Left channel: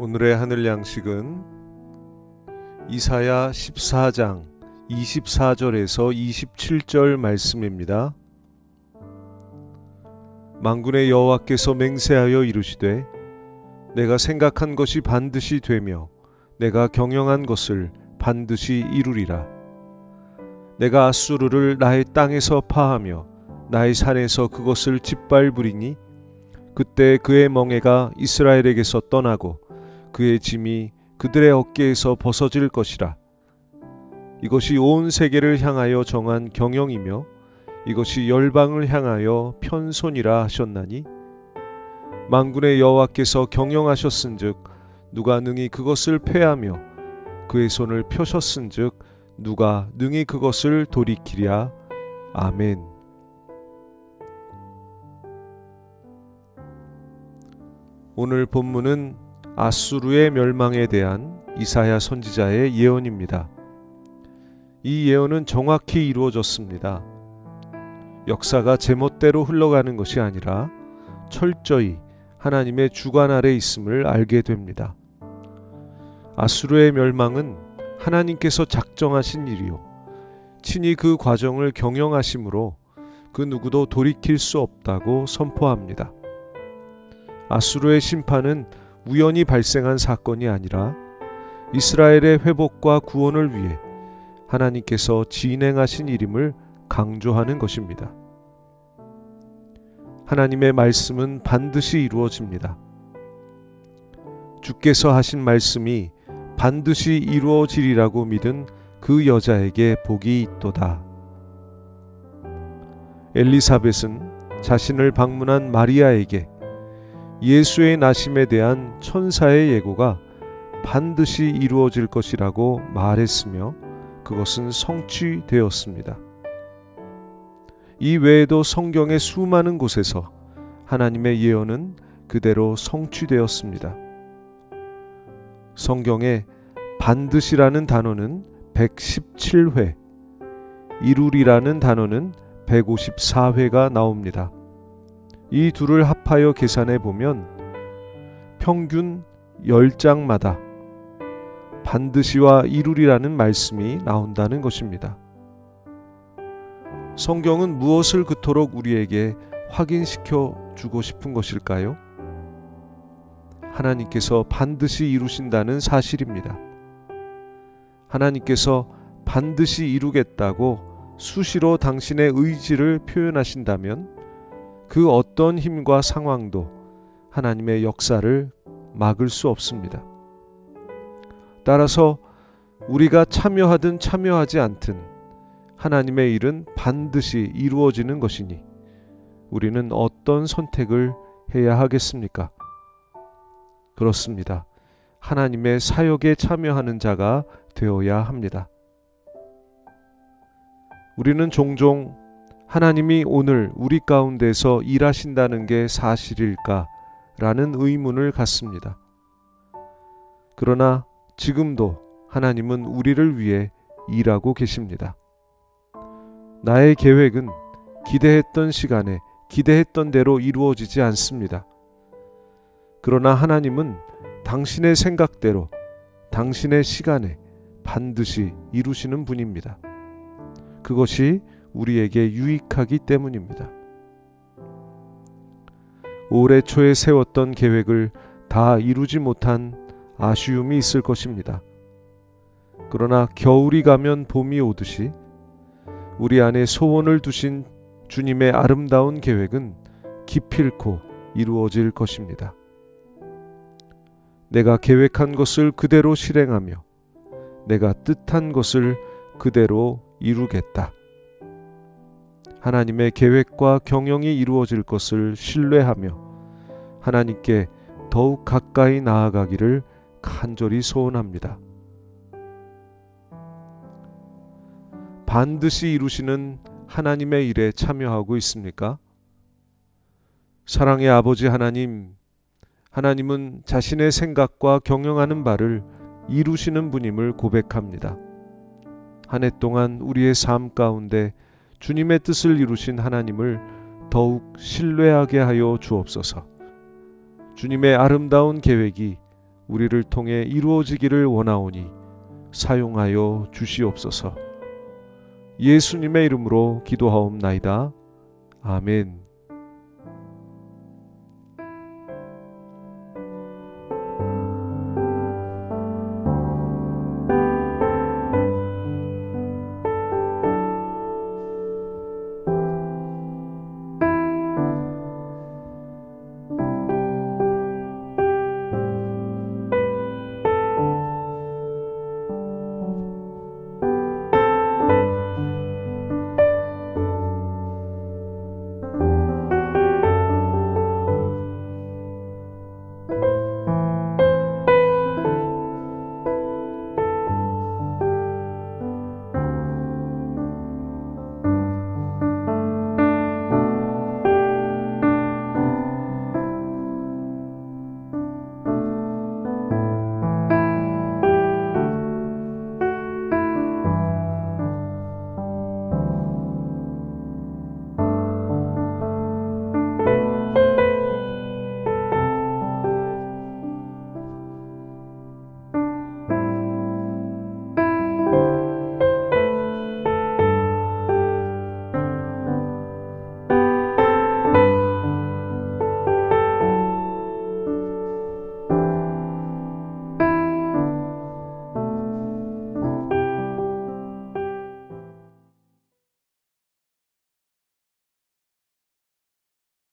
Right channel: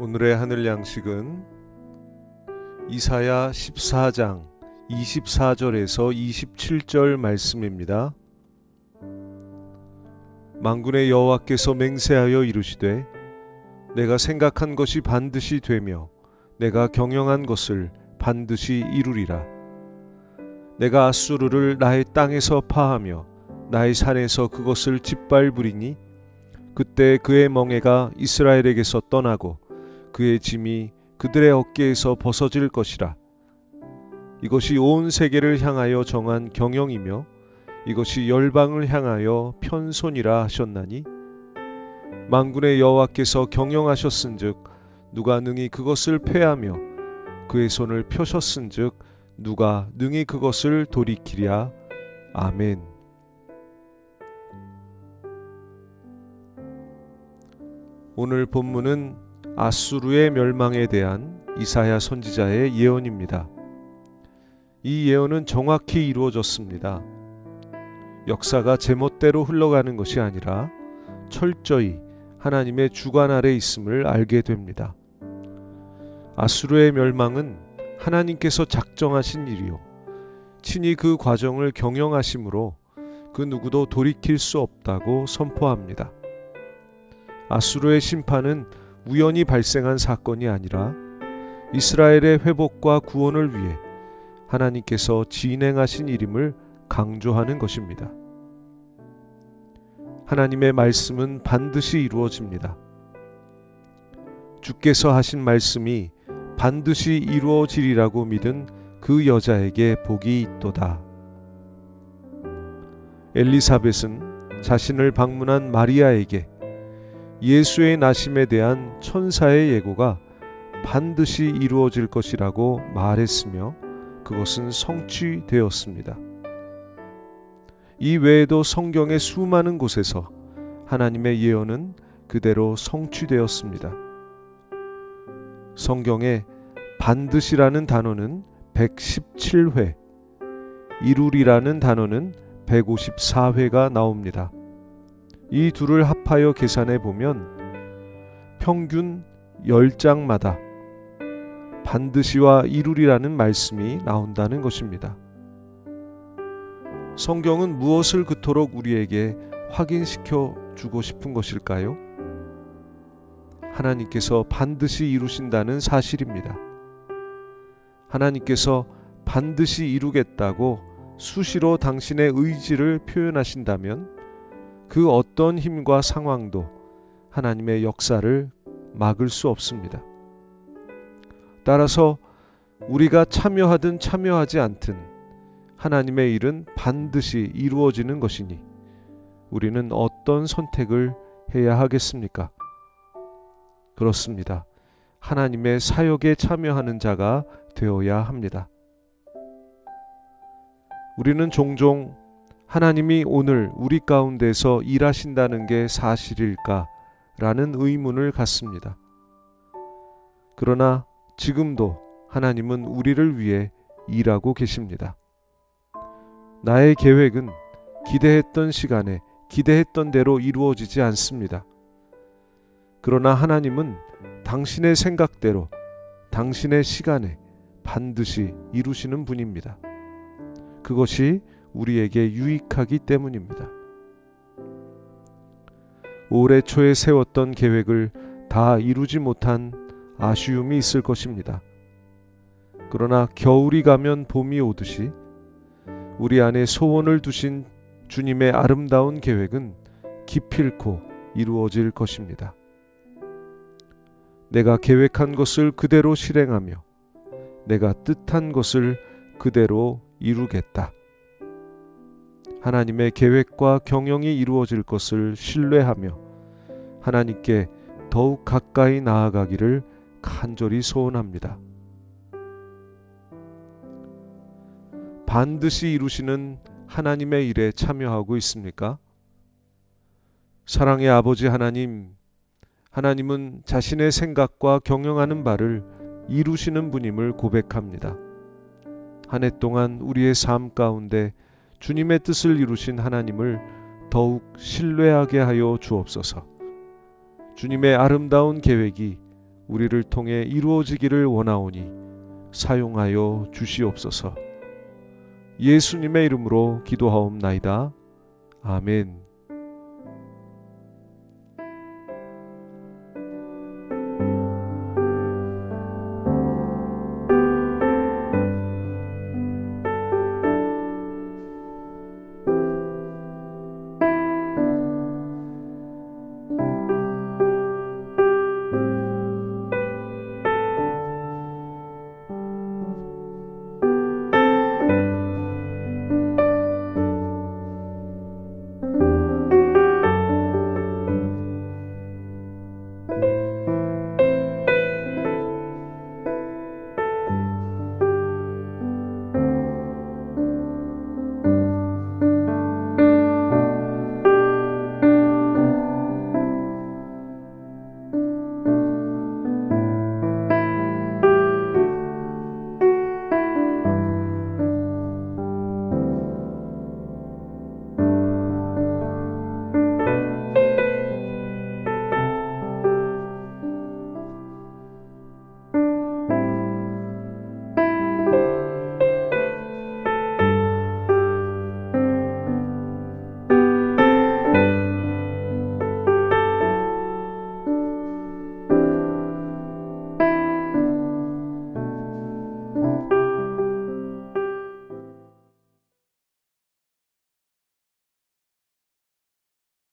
오늘의 하늘 양식은 이사야 14장 24절에서 27절 말씀입니다. 만군의 여호와께서 맹세하여 이르시되 내가 생각한 것이 반드시 되며 내가 경영한 것을 반드시 이루리라. 내가 아수르를 나의 땅에서 파하며 나의 산에서 그것을 짓밟으리니 그때 그의 멍에가 이스라엘에게서 떠나고 그의 짐이 그들의 어깨에서 벗어질 것이라. 이것이 온 세계를 향하여 정한 경영이며 이것이 열방을 향하여 편손이라 하셨나니 만군의 여호와께서 경영하셨은즉 누가 능히 그것을 패하며 그의 손을 펴셨은즉 누가 능히 그것을 돌이키랴. 아멘. 오늘 본문은 아수르의 멸망에 대한 이사야 선지자의 예언입니다. 이 예언은 정확히 이루어졌습니다. 역사가 제멋대로 흘러가는 것이 아니라 철저히 하나님의 주관 아래 있음을 알게 됩니다. 아수르의 멸망은 하나님께서 작정하신 일이요 친히 그 과정을 경영하심으로 그 누구도 돌이킬 수 없다고 선포합니다. 아수르의 심판은 우연히 발생한 사건이 아니라 이스라엘의 회복과 구원을 위해 하나님께서 진행하신 일임을 강조하는 것입니다. 하나님의 말씀은 반드시 이루어집니다. 주께서 하신 말씀이 반드시 이루어지리라고 믿은 그 여자에게 복이 있도다. 엘리사벳은 자신을 방문한 마리아에게 예수의 나심에 대한 천사의 예고가 반드시 이루어질 것이라고 말했으며 그것은 성취되었습니다. 이 외에도 성경의 수많은 곳에서 하나님의 예언은 그대로 성취되었습니다. 성경에 반드시라는 단어는 117회, 이루리라는 단어는 154회가 나옵니다. 이 둘을 합하여 계산해 보면 평균 10장마다 반드시와 이루리라는 말씀이 나온다는 것입니다. 성경은 무엇을 그토록 우리에게 확인시켜 주고 싶은 것일까요? 하나님께서 반드시 이루신다는 사실입니다. 하나님께서 반드시 이루겠다고 수시로 당신의 의지를 표현하신다면 그 어떤 힘과 상황도 하나님의 역사를 막을 수 없습니다. 따라서 우리가 참여하든 참여하지 않든 하나님의 일은 반드시 이루어지는 것이니 우리는 어떤 선택을 해야 하겠습니까? 그렇습니다. 하나님의 사역에 참여하는 자가 되어야 합니다. 우리는 종종 하나님이 오늘 우리 가운데서 일하신다는 게 사실일까? 라는 의문을 갖습니다. 그러나 지금도 하나님은 우리를 위해 일하고 계십니다. 나의 계획은 기대했던 시간에 기대했던 대로 이루어지지 않습니다. 그러나 하나님은 당신의 생각대로 당신의 시간에 반드시 이루시는 분입니다. 그것이 우리에게 유익하기 때문입니다. 올해 초에 세웠던 계획을 다 이루지 못한 아쉬움이 있을 것입니다. 그러나 겨울이 가면 봄이 오듯이 우리 안에 소원을 두신 주님의 아름다운 계획은 기필코 이루어질 것입니다. 내가 계획한 것을 그대로 실행하며 내가 뜻한 것을 그대로 이루겠다. 하나님의 계획과 경영이 이루어질 것을 신뢰하며 하나님께 더욱 가까이 나아가기를 간절히 소원합니다. 반드시 이루시는 하나님의 일에 참여하고 있습니까? 사랑의 아버지 하나님, 하나님은 자신의 생각과 경영하는 바를 이루시는 분임을 고백합니다. 한 해 동안 우리의 삶 가운데 주님의 뜻을 이루신 하나님을 더욱 신뢰하게 하여 주옵소서. 주님의 아름다운 계획이 우리를 통해 이루어지기를 원하오니 사용하여 주시옵소서. 예수님의 이름으로 기도하옵나이다. 아멘.